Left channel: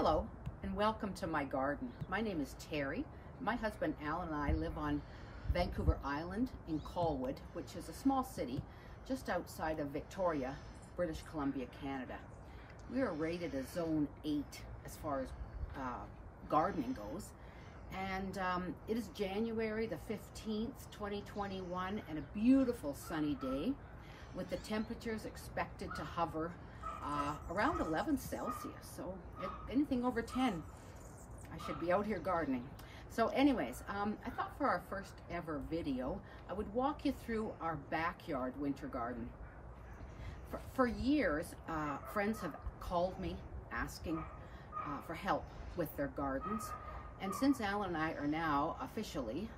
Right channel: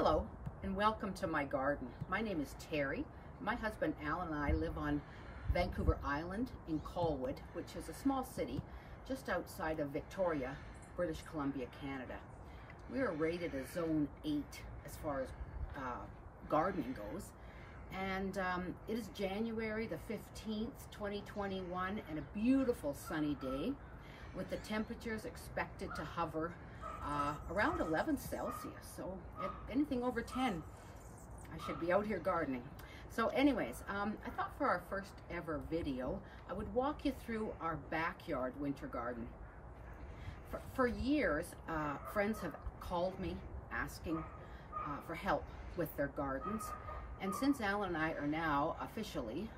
Hello and welcome to my garden. My name is Terry. My husband Allan and I live on Vancouver Island in Colwood, which is a small city just outside of Victoria, British Columbia, Canada. We are rated a zone 8 as far as gardening goes. And it is January the 15th, 2021, and a beautiful sunny day with the temperatures expected to hover around 11 Celsius. So if anything over 10, I should be out here gardening. So anyways, I thought for our first ever video, I would walk you through our backyard winter garden. For years, friends have called me asking for help with their gardens. And since Allan and I are now officially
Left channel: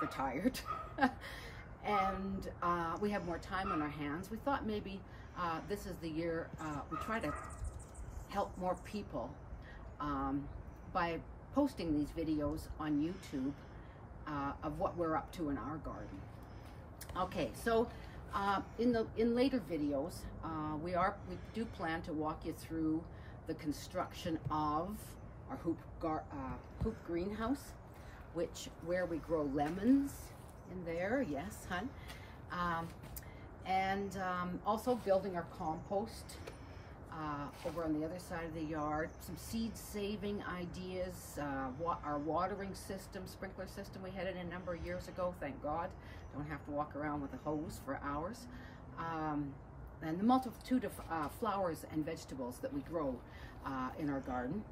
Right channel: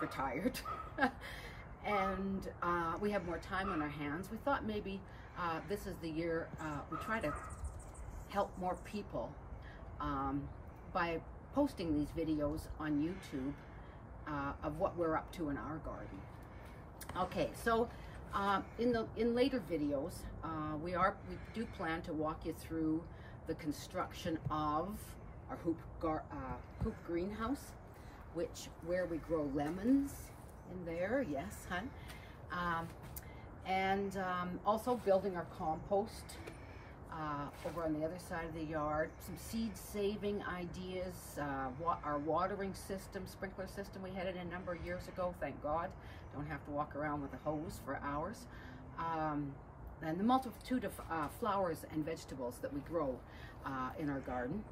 retired and we have more time on our hands, we thought maybe this is the year we try to help more people by posting these videos on YouTube of what we're up to in our garden. Okay, so in later videos, we do plan to walk you through the construction of our hoop greenhouse, where we grow lemons in there. Yes, hun. And also building our compost over on the other side of the yard. Some seed saving ideas. Our watering system, sprinkler system, we had it in a number of years ago, thank God. Don't have to walk around with a hose for hours. And the multitude of flowers and vegetables that we grow in our garden.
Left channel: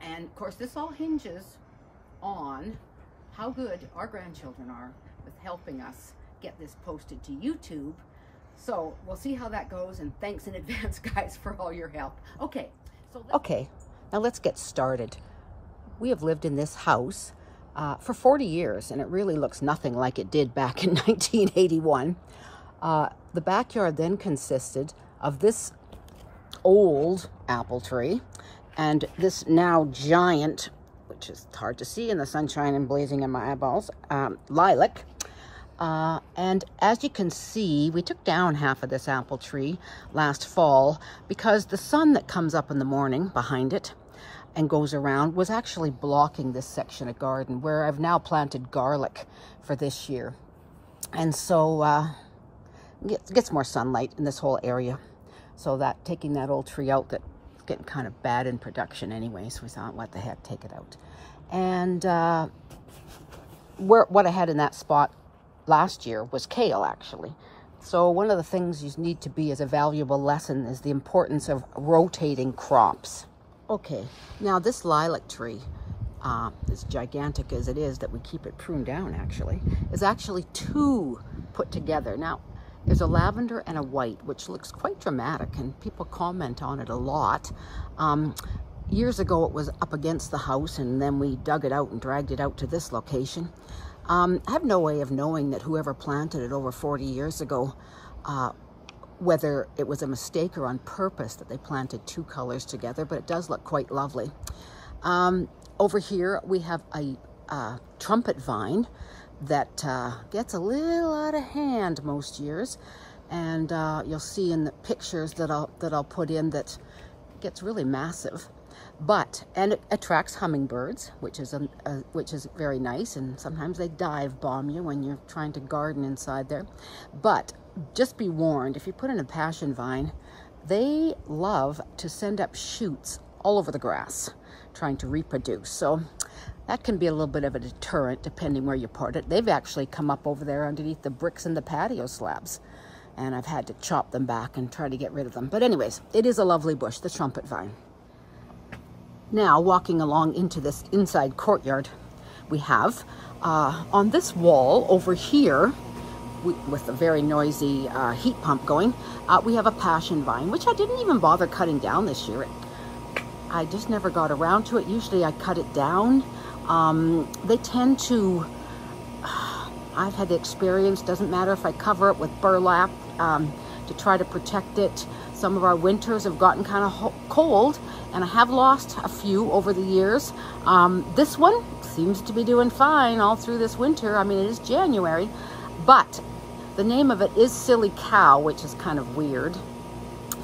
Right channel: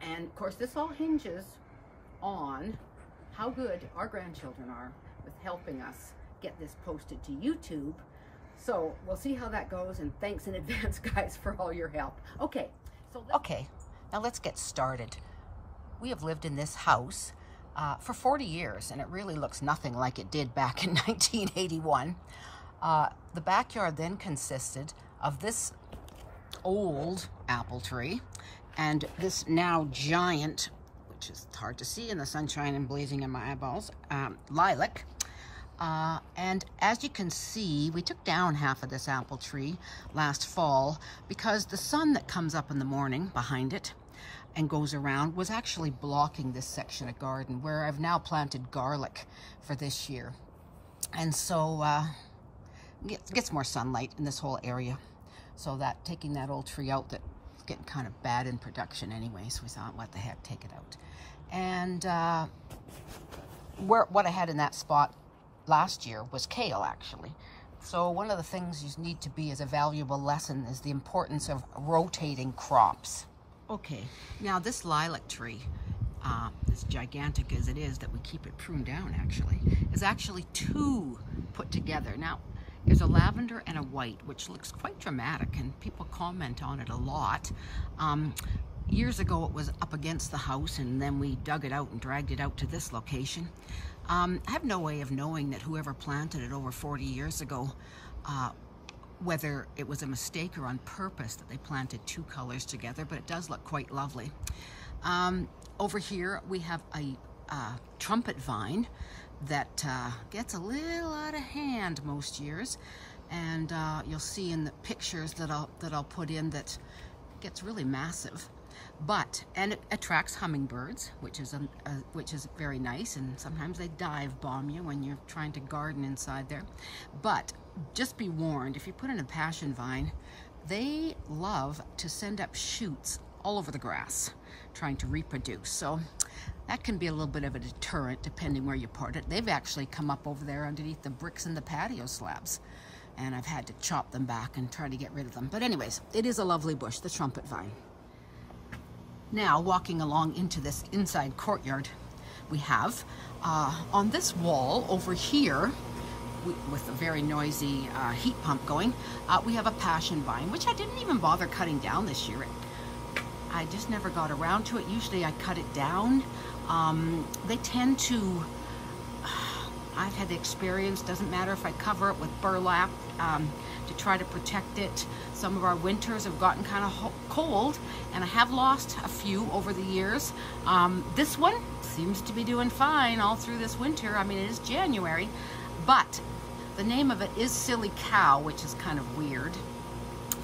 And of course, this all hinges on how good our grandchildren are with helping us get this posted to YouTube. So we'll see how that goes, and thanks in advance, guys, for all your help. Okay, now let's get started. We have lived in this house for 40 years, and it really looks nothing like it did back in 1981. The backyard then consisted of this old apple tree and this now giant, which is hard to see in the sunshine and blazing in my eyeballs, lilac. And as you can see, we took down half of this apple tree last fall because the sun that comes up in the morning behind it and goes around was actually blocking this section of garden where I've now planted garlic for this year. And so it gets more sunlight in this whole area. So that taking that old tree out, that's getting kind of bad in production anyway, so we thought, what the heck, take it out. And what I had in that spot last year was kale, actually. So one of the things you need to be as a valuable lesson is the importance of rotating crops. Okay, now this lilac tree, as gigantic as it is that we keep it pruned down actually, is actually two put together. Now, there's a lavender and a white, which looks quite dramatic, and people comment on it a lot. Years ago, it was up against the house, and then we dug it out and dragged it out to this location. I have no way of knowing that whoever planted it over 40 years ago, whether it was a mistake or on purpose that they planted two colors together, but it does look quite lovely. Over here, we have a trumpet vine that gets a little out of hand most years, and you'll see in the pictures that I'll put in that gets really massive. And it attracts hummingbirds, which is very nice, and sometimes they dive bomb you when you're trying to garden inside there. But just be warned, if you put in a passion vine, they love to send up shoots all over the grass trying to reproduce. So that can be a little bit of a deterrent depending where you put it. They've actually come up over there underneath the bricks in the patio slabs, and I've had to chop them back and try to get rid of them. But anyways, it is a lovely bush, the trumpet vine. Now, walking along into this inside courtyard, we have on this wall over here, with a very noisy heat pump going, we have a passion vine, which I didn't even bother cutting down this year. I just never got around to it. Usually I cut it down. They tend to, I've had the experience, doesn't matter if I cover it with burlap to try to protect it. Some of our winters have gotten kind of cold, and I have lost a few over the years. This one seems to be doing fine all through this winter. I mean, it is January, but the name of it is Silly Cow, which is kind of weird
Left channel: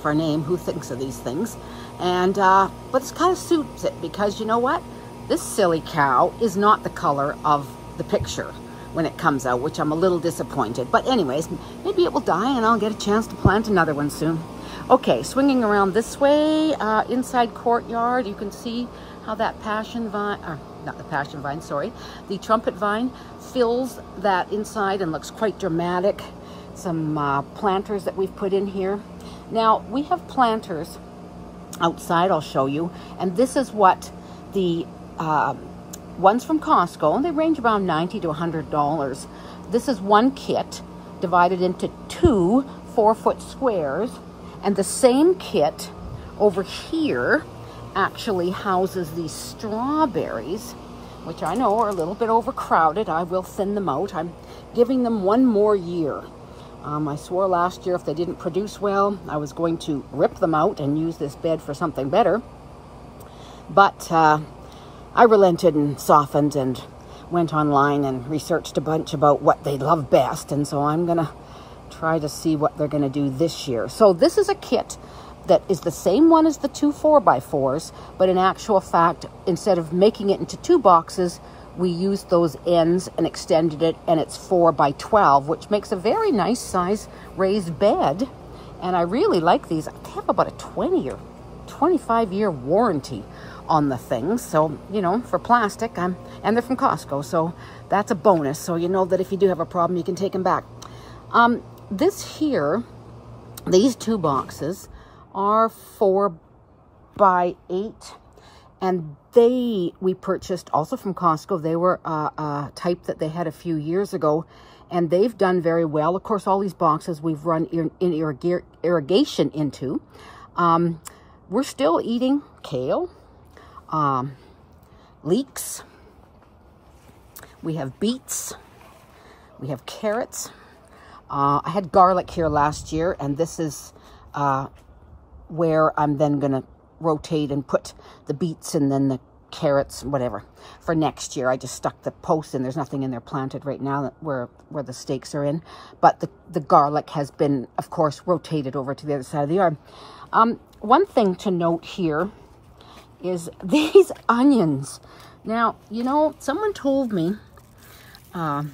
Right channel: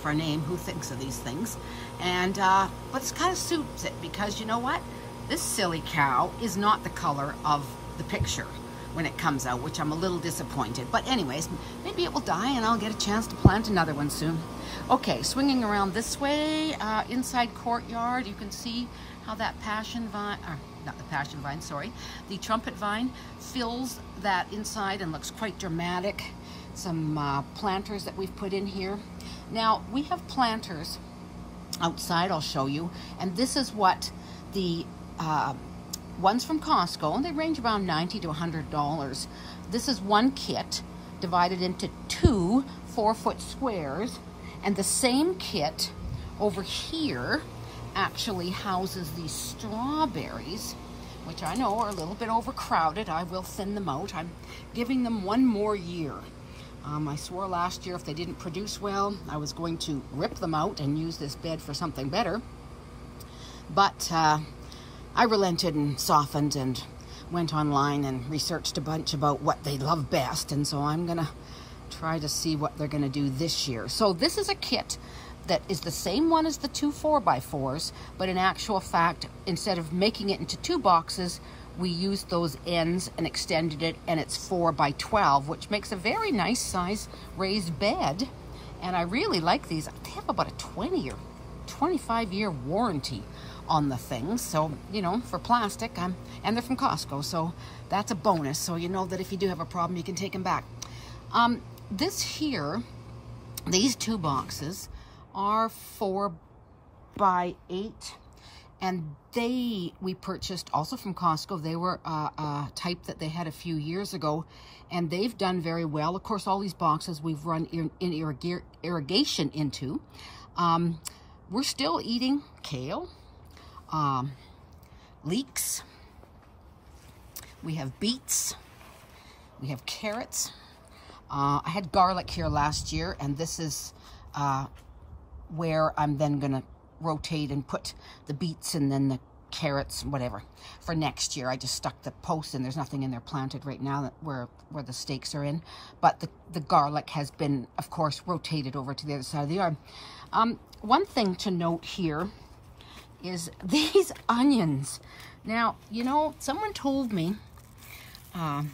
for a name. Who thinks of these things? And, but it kind of suits it because you know what? This silly cow is not the color of the picture when it comes out, which I'm a little disappointed. But anyways, maybe it will die and I'll get a chance to plant another one soon. Okay, swinging around this way, inside Courtyard, you can see how that passion vine, not the passion vine, sorry, the trumpet vine fills that inside and looks quite dramatic. Some planters that we've put in here. Now, we have planters outside, I'll show you, and this is what the ones from Costco, and they range around $90 to $100. This is one kit divided into 2 4-foot squares, and the same kit over here actually houses these strawberries, which I know are a little bit overcrowded. I will thin them out. I'm giving them 1 more year. I swore last year if they didn't produce well, I was going to rip them out and use this bed for something better. But I relented and softened and went online and researched a bunch about what they love best. And so I'm going to try to see what they're going to do this year. So this is a kit that is the same one as the 2 4x4s, but in actual fact, instead of making it into 2 boxes, we used those ends and extended it, and it's 4x12, which makes a very nice size raised bed. And I really like these. They have about a 20 or 25 year warranty on the things. So, you know, for plastic, and they're from Costco, so that's a bonus. So you know that if you do have a problem, you can take them back. This here, these 2 boxes are 4x8. And we purchased also from Costco. They were a type that they had a few years ago, and they've done very well. Of course, all these boxes we've run in irrigation into. We're still eating kale, leeks. We have beets. We have carrots. I had garlic here last year, and this is where I'm then going to rotate and put the beets and then the carrots, whatever, for next year. I just stuck the post in. There's nothing in there planted right now where the stakes are in. But the garlic has been, of course, rotated over to the other side of the yard. One thing to note here is these onions. Now, you know, someone told me a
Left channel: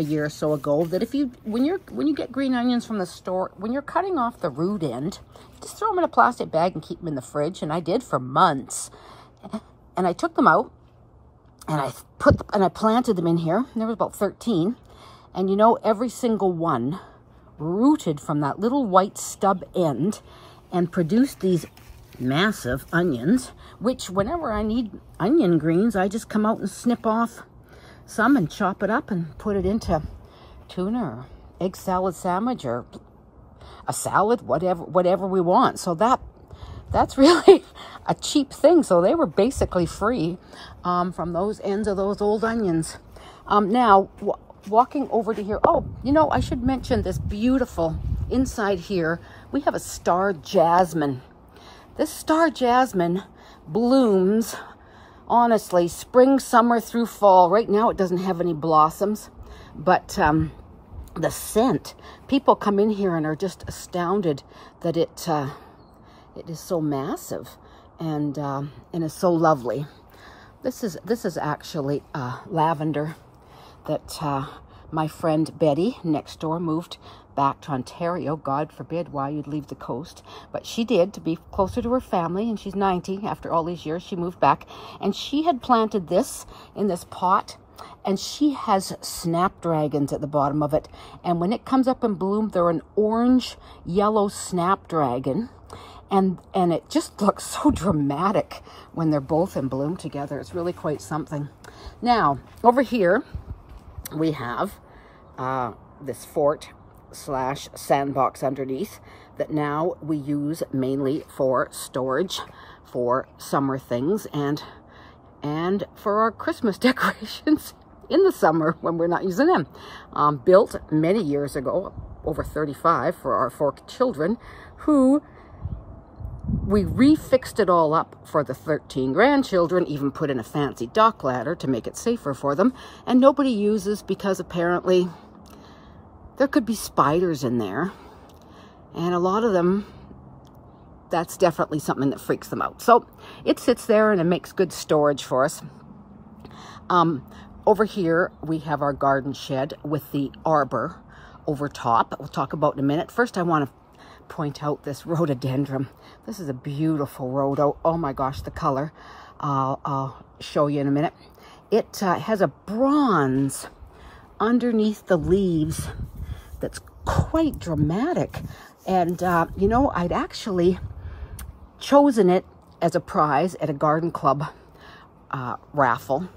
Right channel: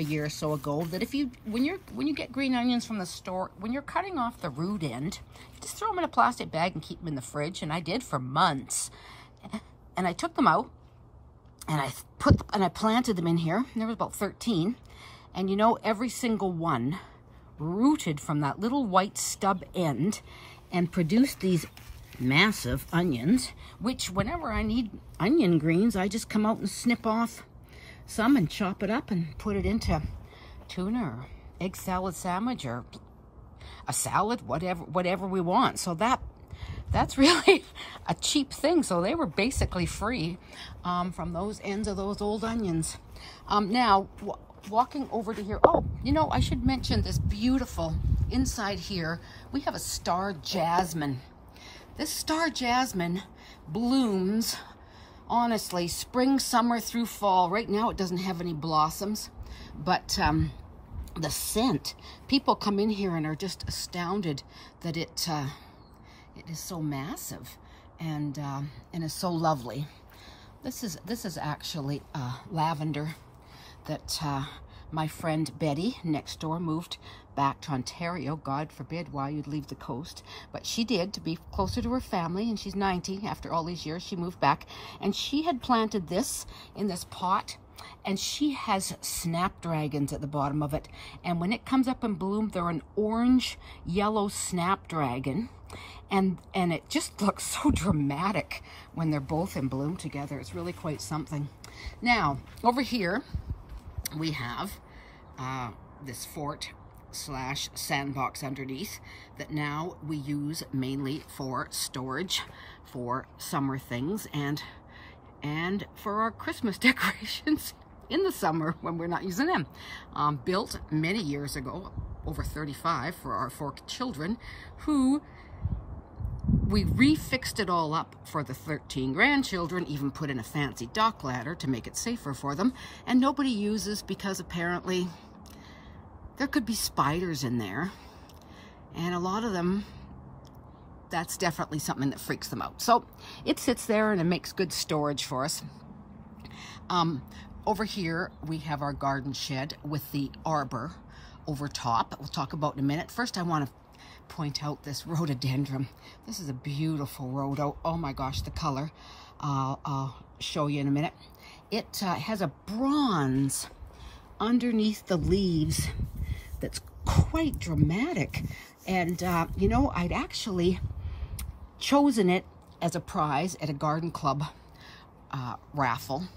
year or so ago that when you get green onions from the store, when you're cutting off the root end, just throw them in a plastic bag and keep them in the fridge. And I did for months. And I took them out and I planted them in here. And there was about 13. And you know, every single one rooted from that little white stub end and produced these massive onions, which whenever I need onion greens, I just come out and snip off some and chop it up and put it into tuna or egg salad sandwich or a salad, whatever we want. So that's really a cheap thing. So they were basically free from those ends of those old onions. Now, walking over to here, oh, you know, I should mention this beautiful inside here. We have a star jasmine. This star jasmine blooms, honestly, spring, summer through fall. Right now it doesn't have any blossoms, but the scent, people come in here and are just astounded that it is so massive and is so lovely. This is actually lavender that my friend Betty next door moved back to Ontario. God forbid why you'd leave the coast, but she did to be closer to her family, and she's 90. After all these years, she moved back, and she had planted this in this pot, and she has snapdragons at the bottom of it, and when it comes up in bloom, they're an orange yellow snapdragon, and it just looks so dramatic when they're both in bloom together. It's really quite something. Now over here we have this fort/sandbox underneath that now we use mainly for storage for summer things and for our Christmas decorations in the summer when we're not using them. Built many years ago, over 35, for our 4 children, who we refixed it all up for the 13 grandchildren, even put in a fancy dock ladder to make it safer for them, and nobody uses because apparently there could be spiders in there, and a lot of them, that's definitely something that freaks them out. So it sits there and it makes good storage for us. Over here, we have our garden shed with the arbor over top. We'll talk about in a minute. First, I want to point out this rhododendron. This is a beautiful rhodo. Oh my gosh, the color. I'll show you in a minute. It has a bronze underneath the leaves that's quite dramatic. And, you know, I'd actually chosen it as a prize at a garden club raffle,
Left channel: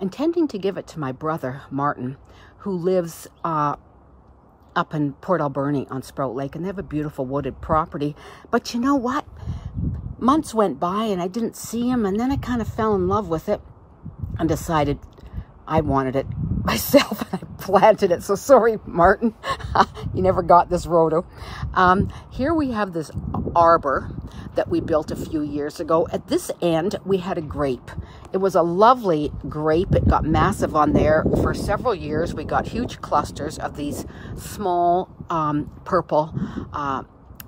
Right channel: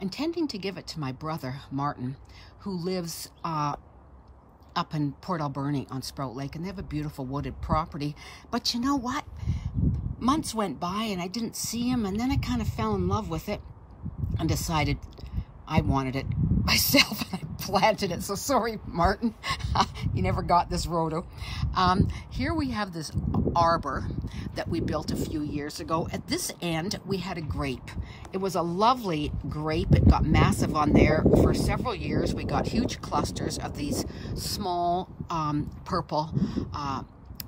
intending to give it to my brother, Martin, who lives up in Port Alberni on Sprout Lake, and they have a beautiful wooded property. But you know what? Months went by and I didn't see him, and then I kind of fell in love with it and decided I wanted it myself, and I planted it. So sorry, Martin, you never got this rhodo. Here we have this arbor that we built a few years ago. At this end, we had a grape. It was a lovely grape. It got massive on there. For several years, we got huge clusters of these small purple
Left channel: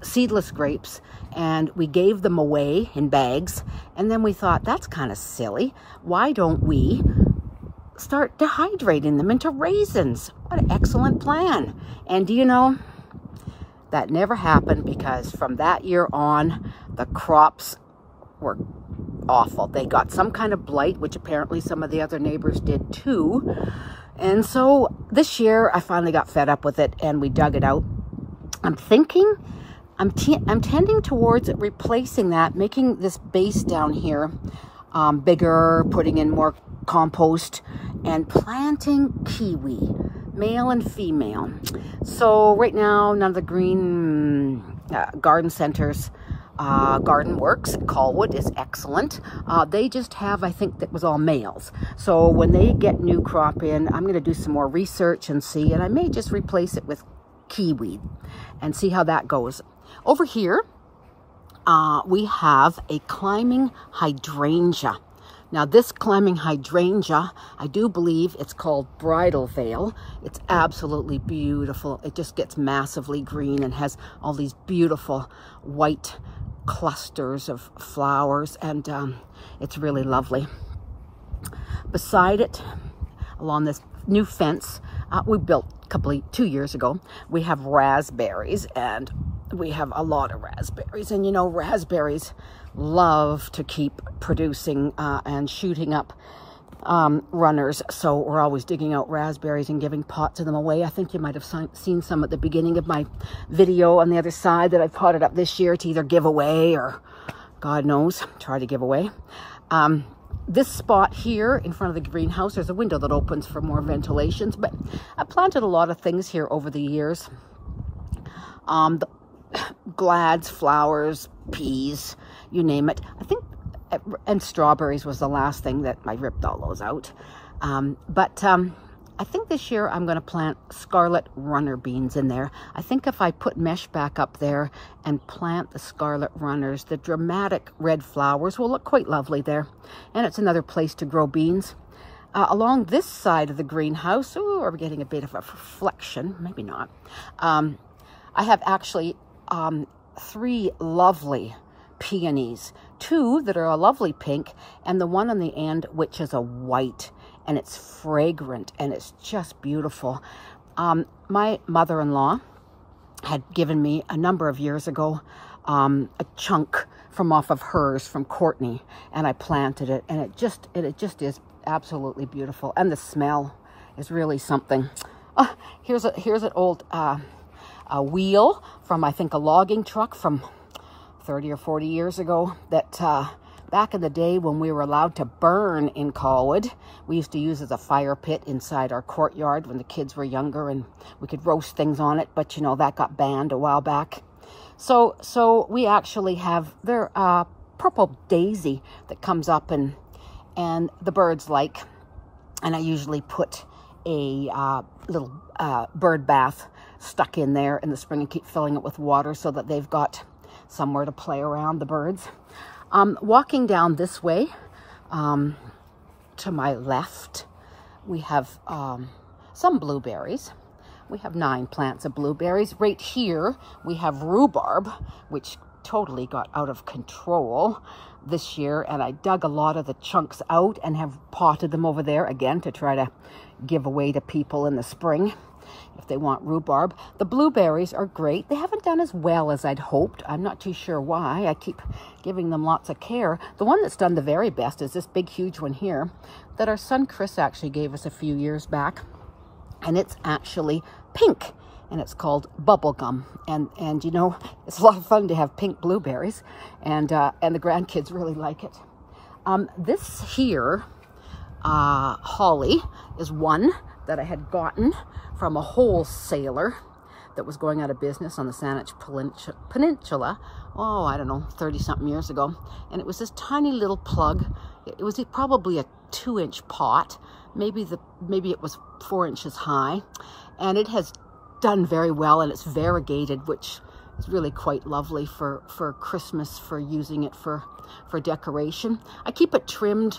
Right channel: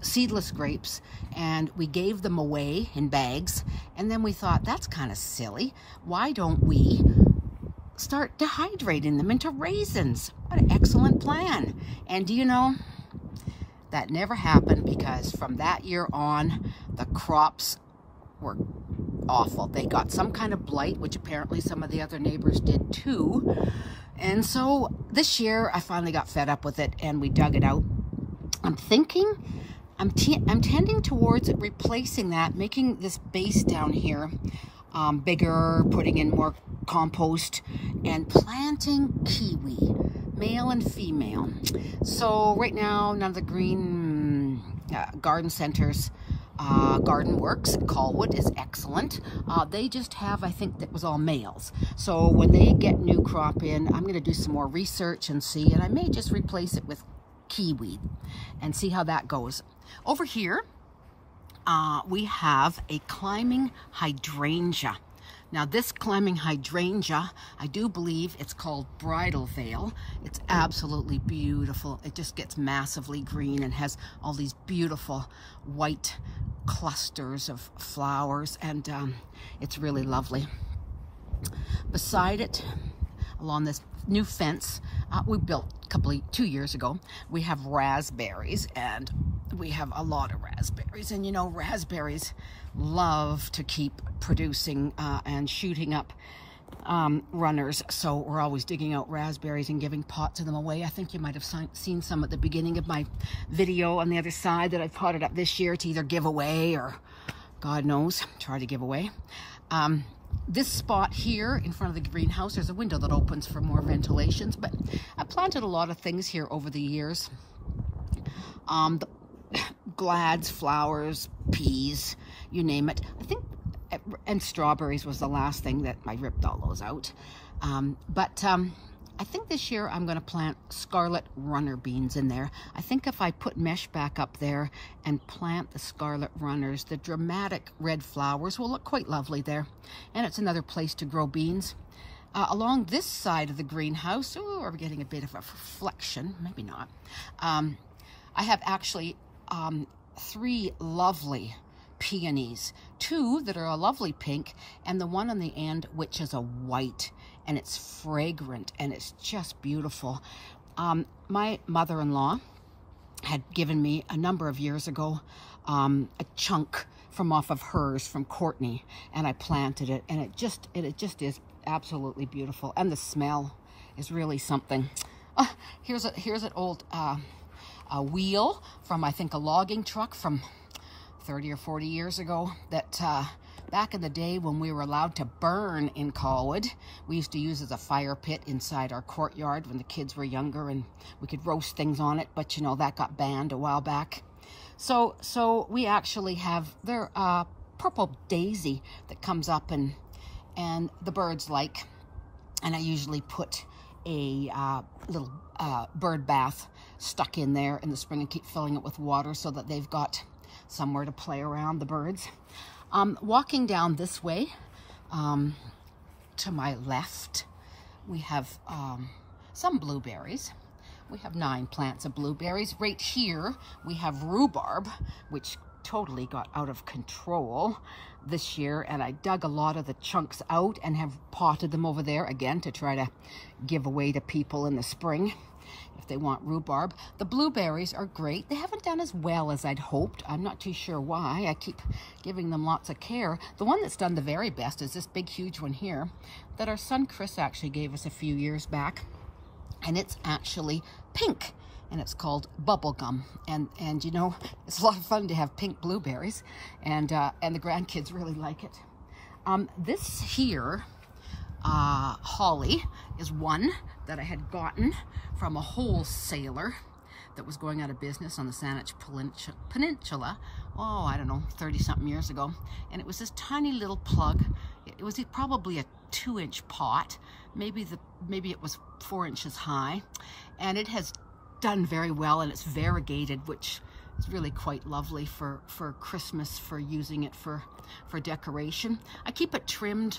seedless grapes, and we gave them away in bags. And then we thought, that's kind of silly. Why don't we start dehydrating them into raisins? What an excellent plan. And do you know, that never happened, because from that year on, the crops were awful. They got some kind of blight, which apparently some of the other neighbors did too. And so this year I finally got fed up with it and we dug it out. I'm tending towards replacing that, making this base down here bigger, putting in more compost, and planting kiwi, male and female. So right now, none of the green garden centers, Garden Works, Colwood is excellent. They just have, I think that was all males. So when they get new crop in, I'm going to do some more research and see, and I may just replace it with kiwi and see how that goes. Over here, we have a climbing hydrangea. Now this climbing hydrangea, I do believe it's called bridal veil. It's absolutely beautiful. It just gets massively green and has all these beautiful white clusters of flowers, and it's really lovely. Beside it, along this new fence we built 2 years ago, we have raspberries, and we have a lot of raspberries. And you know, raspberries love to keep producing and shooting up runners, so we're always digging out raspberries and giving pots of them away. I think you might have seen some at the beginning of my video on the other side that I potted up this year to either give away or, God knows, try to give away. This spot here in front of the greenhouse, there's a window that opens for more ventilations, but I planted a lot of things here over the years. The glads, flowers, peas, you name it. I think, and strawberries was the last thing that I ripped all those out. I think this year I'm going to plant scarlet runner beans in there. I think if I put mesh back up there and plant the scarlet runners, the dramatic red flowers will look quite lovely there. And it's another place to grow beans. Along this side of the greenhouse, ooh, we're getting a bit of a reflection, maybe not. I have actually 3 lovely peonies, 2 that are a lovely pink, and the one on the end which is a white, and it's fragrant and it's just beautiful. My mother-in-law had given me a number of years ago a chunk from off of hers from Courtney, and I planted it, and it just is absolutely beautiful, and the smell is really something. Here's an old a wheel from, I think, a logging truck from 30 or 40 years ago that back in the day when we were allowed to burn in Colwood, we used to use as a fire pit inside our courtyard when the kids were younger, and we could roast things on it, but you know, that got banned a while back. So we actually have their purple daisy that comes up and the birds like, and I usually put a little bird bath stuck in there in the spring and keep filling it with water so that they've got somewhere to play around, the birds. Walking down this way, to my left, we have some blueberries. We have 9 plants of blueberries. Right here, we have rhubarb, which totally got out of control this year, and I dug a lot of the chunks out and have potted them over there again to try to give away to people in the spring if they want rhubarb. The blueberries are great. They haven't done as well as I'd hoped. I'm not too sure why. I keep giving them lots of care. The one that's done the very best is this big, huge one here that our son Chris actually gave us a few years back. And it's actually pink, and it's called Bubblegum. And you know, it's a lot of fun to have pink blueberries, and the grandkids really like it. This here, holly, is one that I had gotten from a wholesaler that was going out of business on the Saanich Peninsula, oh, I don't know, 30-something years ago. And it was this tiny little plug. It was probably a 2-inch pot. Maybe it was 4 inches high. And it has done very well, and it's variegated, which is really quite lovely for Christmas, for using it for decoration. I keep it trimmed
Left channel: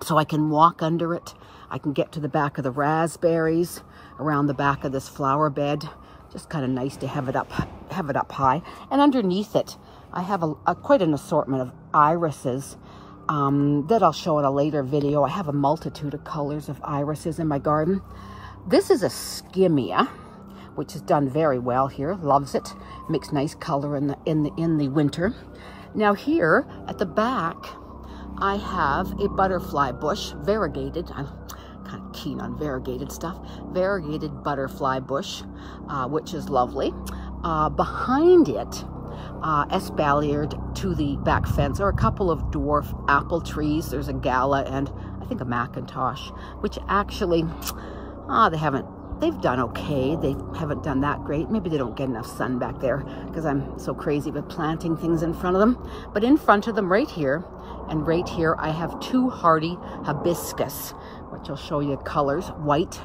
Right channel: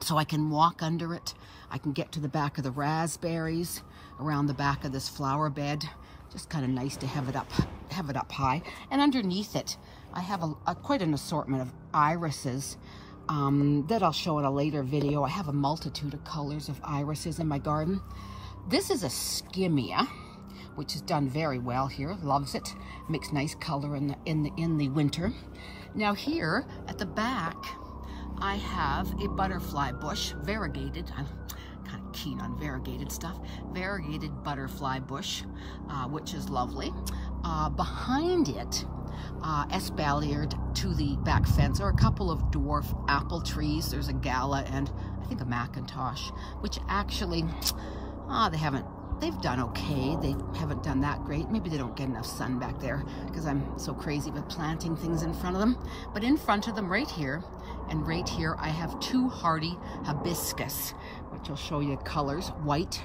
so I can walk under it. I can get to the back of the raspberries, around the back of this flower bed. Just kind of nice to have it up high. And underneath it, I have quite an assortment of irises that I'll show in a later video. I have a multitude of colors of irises in my garden. This is a skimmia, which has done very well here. Loves it. Makes nice color in the winter. Now here at the back, I have a butterfly bush, variegated. I'm kind of keen on variegated stuff. Variegated butterfly bush, which is lovely. Behind it, espaliered to the back fence, are a couple of dwarf apple trees. There's a Gala and I think a Macintosh, which actually, they've done okay. They haven't done that great. Maybe they don't get enough sun back there because I'm so crazy with planting things in front of them. But in front of them right here, and right here, I have two hardy hibiscus, which I'll show you colors. White.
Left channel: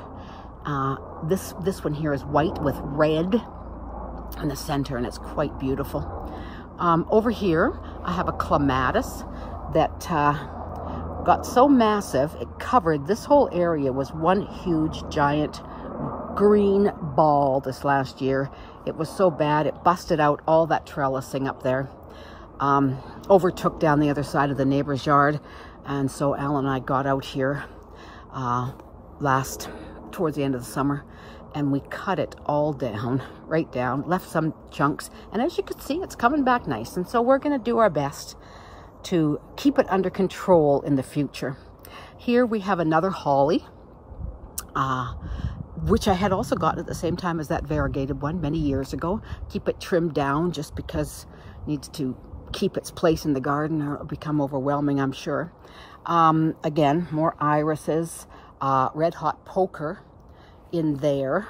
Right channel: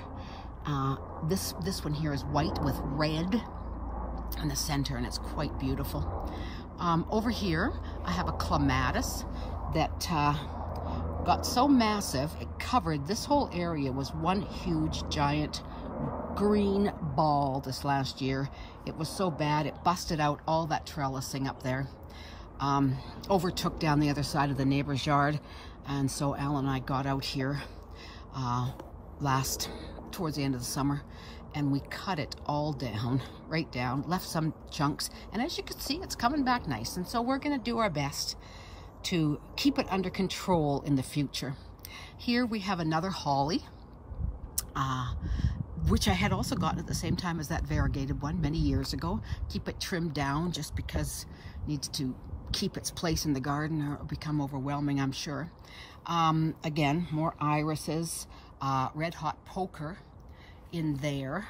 This one here is white with red in the center, and it's quite beautiful. Over here, I have a clematis that got so massive, it covered this whole area. Was one huge, giant green ball this last year. It was so bad, it busted out all that trellising up there. Overtook down the other side of the neighbor's yard, and so Alan and I got out here towards the end of the summer, and we cut it all down, right down, left some chunks, and as you can see, it's coming back nice. And so we're going to do our best to keep it under control in the future. Here we have another holly, which I had also gotten at the same time as that variegated one many years ago. Keep it trimmed down just because it needs to keep its place in the garden, or it'll become overwhelming, I'm sure. Again, more irises, red hot poker in there.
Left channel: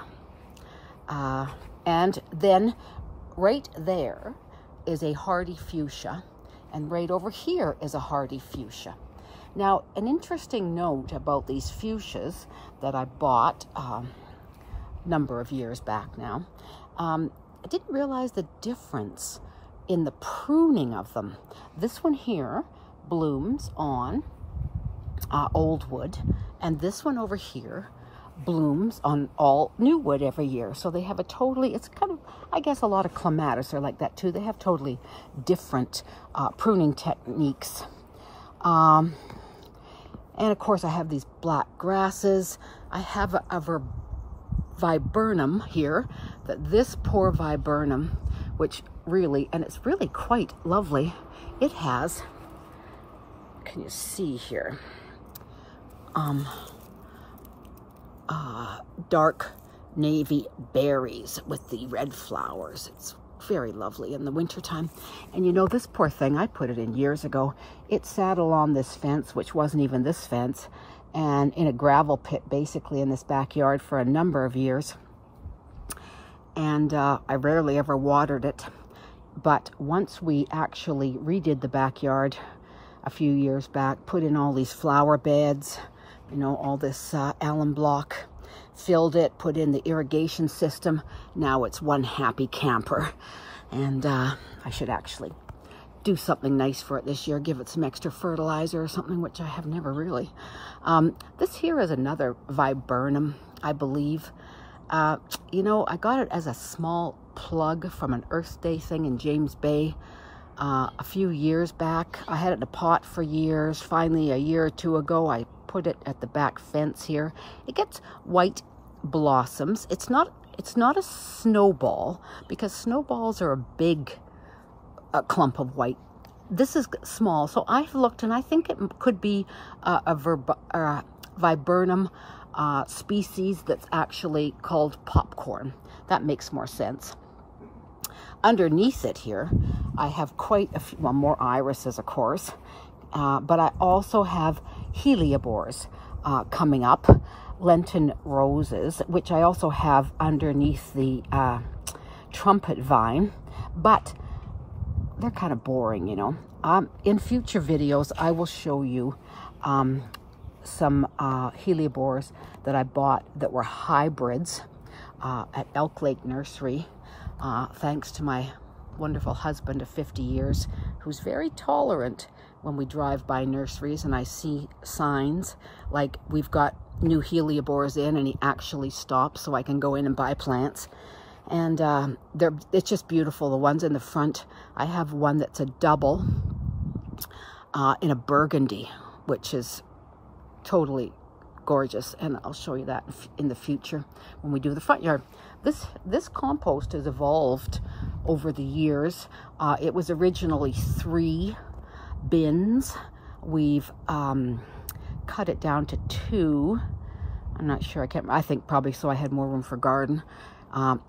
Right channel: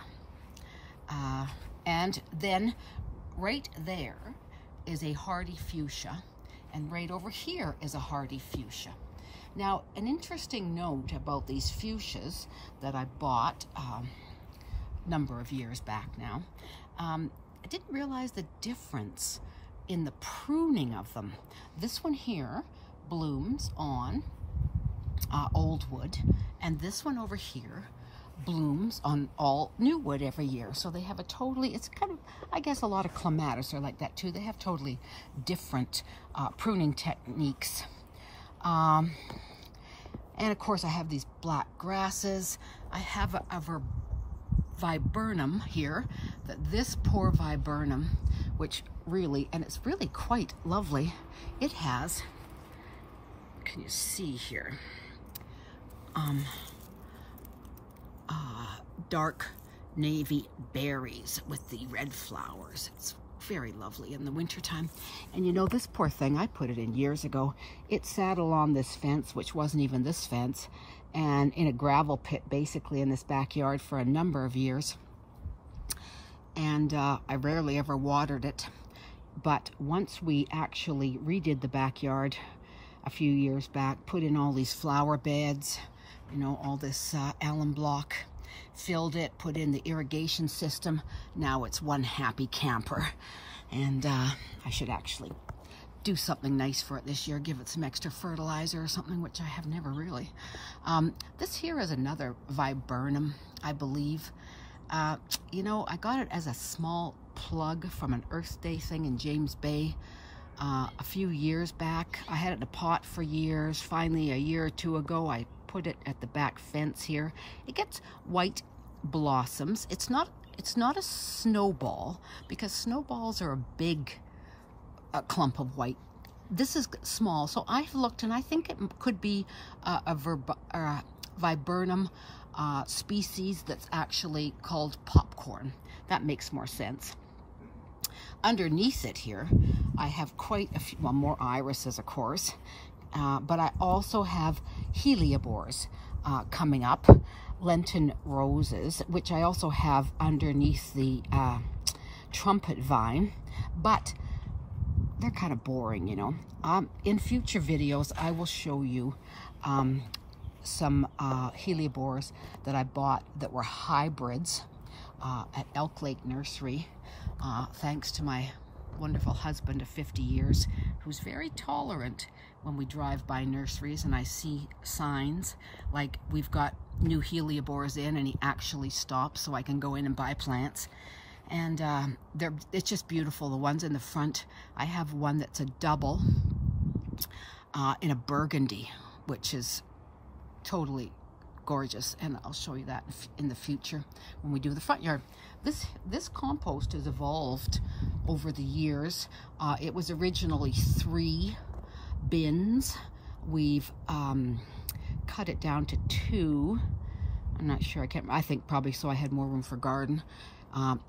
And then right there is a hardy fuchsia, and right over here is a hardy fuchsia. Now, an interesting note about these fuchsias that I bought a number of years back now, I didn't realize the difference in the pruning of them. This one here blooms on old wood, and this one over here blooms on all new wood every year. So they have it's kind of, I guess a lot of clematis are like that too. They have totally different pruning techniques. And of course I have these black grasses. I have a Viburnum here, this poor Viburnum, which really, and it's really quite lovely. It has, can you see here, dark navy berries with the red flowers. It's very lovely in the wintertime. And you know, this poor thing, I put it in years ago. It sat along this fence, which wasn't even this fence, and in a gravel pit basically in this backyard for a number of years. And I rarely ever watered it. But once we actually redid the backyard a few years back, put in all these flower beds, you know, all this Allan Block, filled it, put in the irrigation system. Now it's one happy camper. And I should actually do something nice for it this year, give it some extra fertilizer or something, which I have never really. This here is another Viburnum, I believe. You know, I got it as a small plug from an Earth Day thing in James Bay a few years back. I had it in a pot for years. Finally, a year or two ago, I put it at the back fence here. It gets white blossoms. It's not a snowball, because snowballs are a big clump of white. This is small, so I've looked, and I think it could be a Viburnum species that's actually called popcorn. That makes more sense. Underneath it here, I have quite a few, well, more irises, of course, but I also have heliobores coming up, Lenten roses, which I also have underneath the trumpet vine, but they're kind of boring, you know. In future videos, I will show you some heliobores that I bought that were hybrids at Elk Lake Nursery, thanks to my wonderful husband of 50 years, who's very tolerant when we drive by nurseries and I see signs like we've got new heliobores in, and he actually stops so I can go in and buy plants. And it's just beautiful. The ones in the front, I have one that's a double in a burgundy, which is totally gorgeous, and I'll show you that in the future when we do the front yard. This compost has evolved over the years. It was originally 3 bins. We've cut it down to 2. I'm not sure, I think probably so I had more room for garden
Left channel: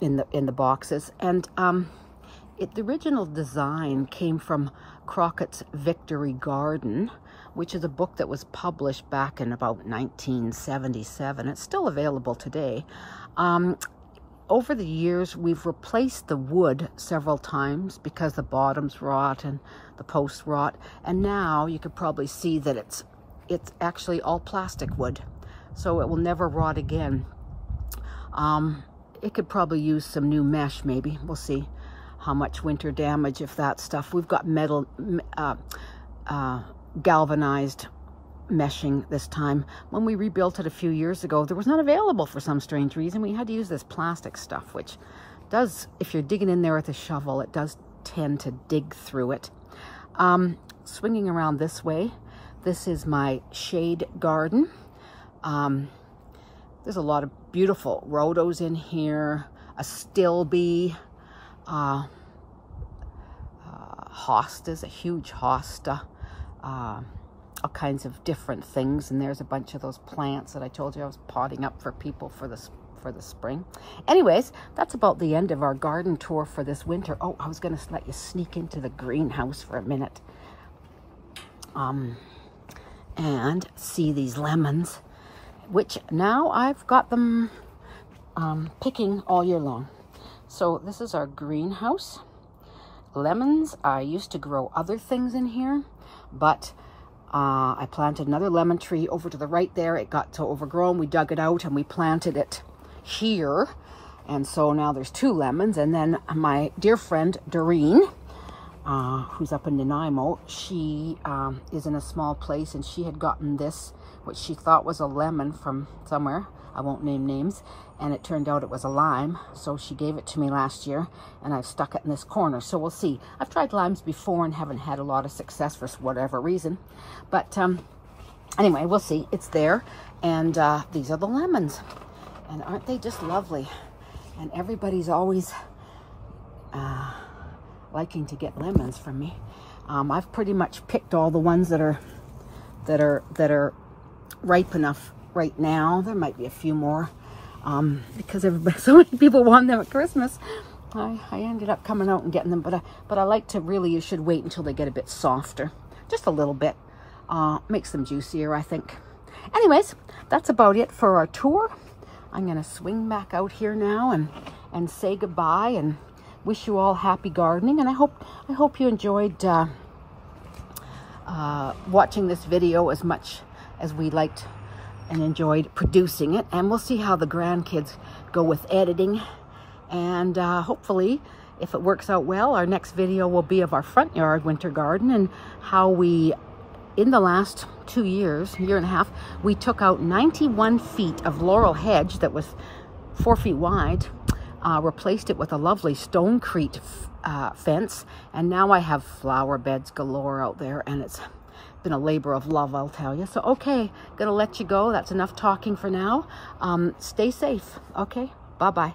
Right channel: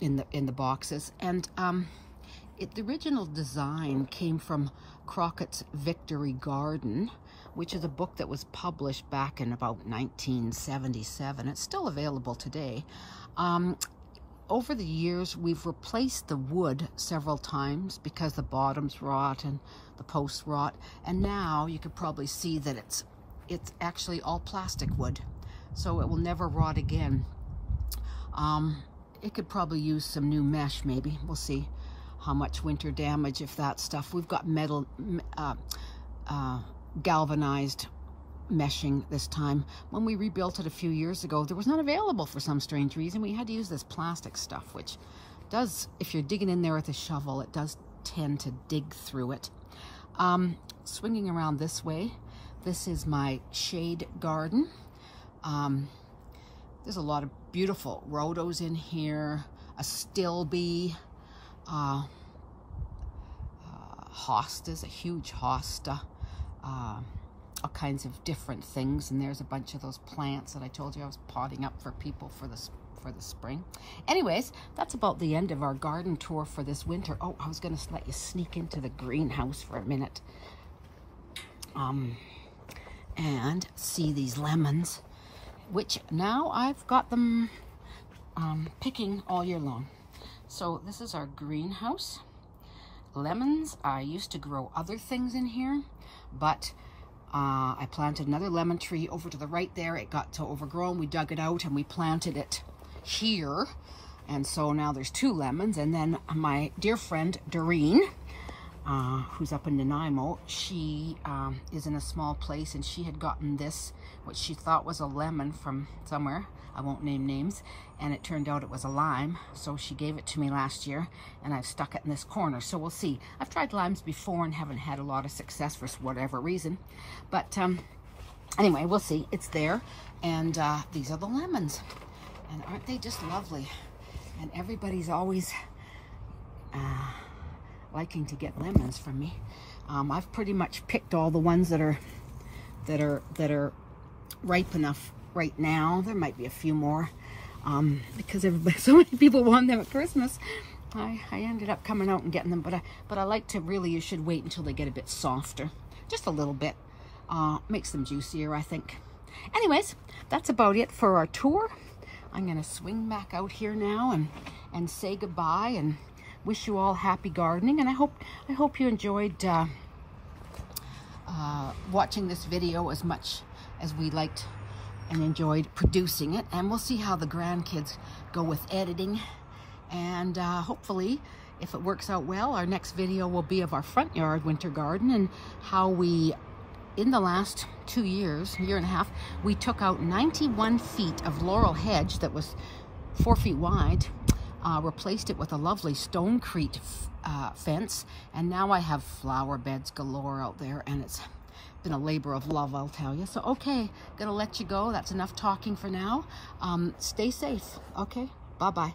in the boxes. And the original design came from Crockett's Victory Garden, which is a book that was published back in about 1977. It's still available today. Over the years, we've replaced the wood several times because the bottoms rot and the posts rot. And now you could probably see that it's actually all plastic wood, so it will never rot again. It could probably use some new mesh, maybe. We'll see how much winter damage, if that stuff. We've got metal, galvanized meshing this time. When we rebuilt it a few years ago, there was not available for some strange reason. We had to use this plastic stuff, which does, if you're digging in there with a shovel, it does tend to dig through it. Swinging around this way, this is my shade garden. There's a lot of beautiful rhodos in here, Astilbe, hostas, a huge hosta, all kinds of different things. And there's a bunch of those plants that I told you I was potting up for people for the spring. Anyways, that's about the end of our garden tour for this winter. Oh, I was going to let you sneak into the greenhouse for a minute and see these lemons, which now I've got them picking all year long. So this is our greenhouse. Lemons, I used to grow other things in here, but I planted another lemon tree over to the right there. It got so overgrown, we dug it out and we planted it here. And so now there's 2 lemons. And then my dear friend Doreen, who's up in Nanaimo, she is in a small place, and she had gotten this, which she thought was a lemon from somewhere. I won't name names. And it turned out it was a lime. So she gave it to me last year, and I've stuck it in this corner. So we'll see. I've tried limes before and haven't had a lot of success for whatever reason. But anyway, we'll see. It's there. And these are the lemons. And aren't they just lovely? And everybody's always liking to get lemons from me. I've pretty much picked all the ones that are ripe enough right now. There might be a few more because so many people want them at Christmas. I ended up coming out and getting them, but I like to really, you should wait until they get a bit softer, just a little bit. Makes them juicier, I think. Anyways, that's about it for our tour. I'm gonna swing back out here now and say goodbye and wish you all happy gardening. And I hope you enjoyed watching this video as much as we liked and enjoyed producing it. And we'll see how the grandkids go with editing. And hopefully, if it works out well, our next video will be of our front yard winter garden and how we, in the last 2 years, year and a half, we took out 91 feet of Laurel Hedge that was 4 feet wide. replaced it with a lovely stone Crete fence, and now I have flower beds galore out there, and it's been a labor of love, I'll tell you. So, okay, gonna let you go. That's enough talking for now. Stay safe. Okay, bye-bye.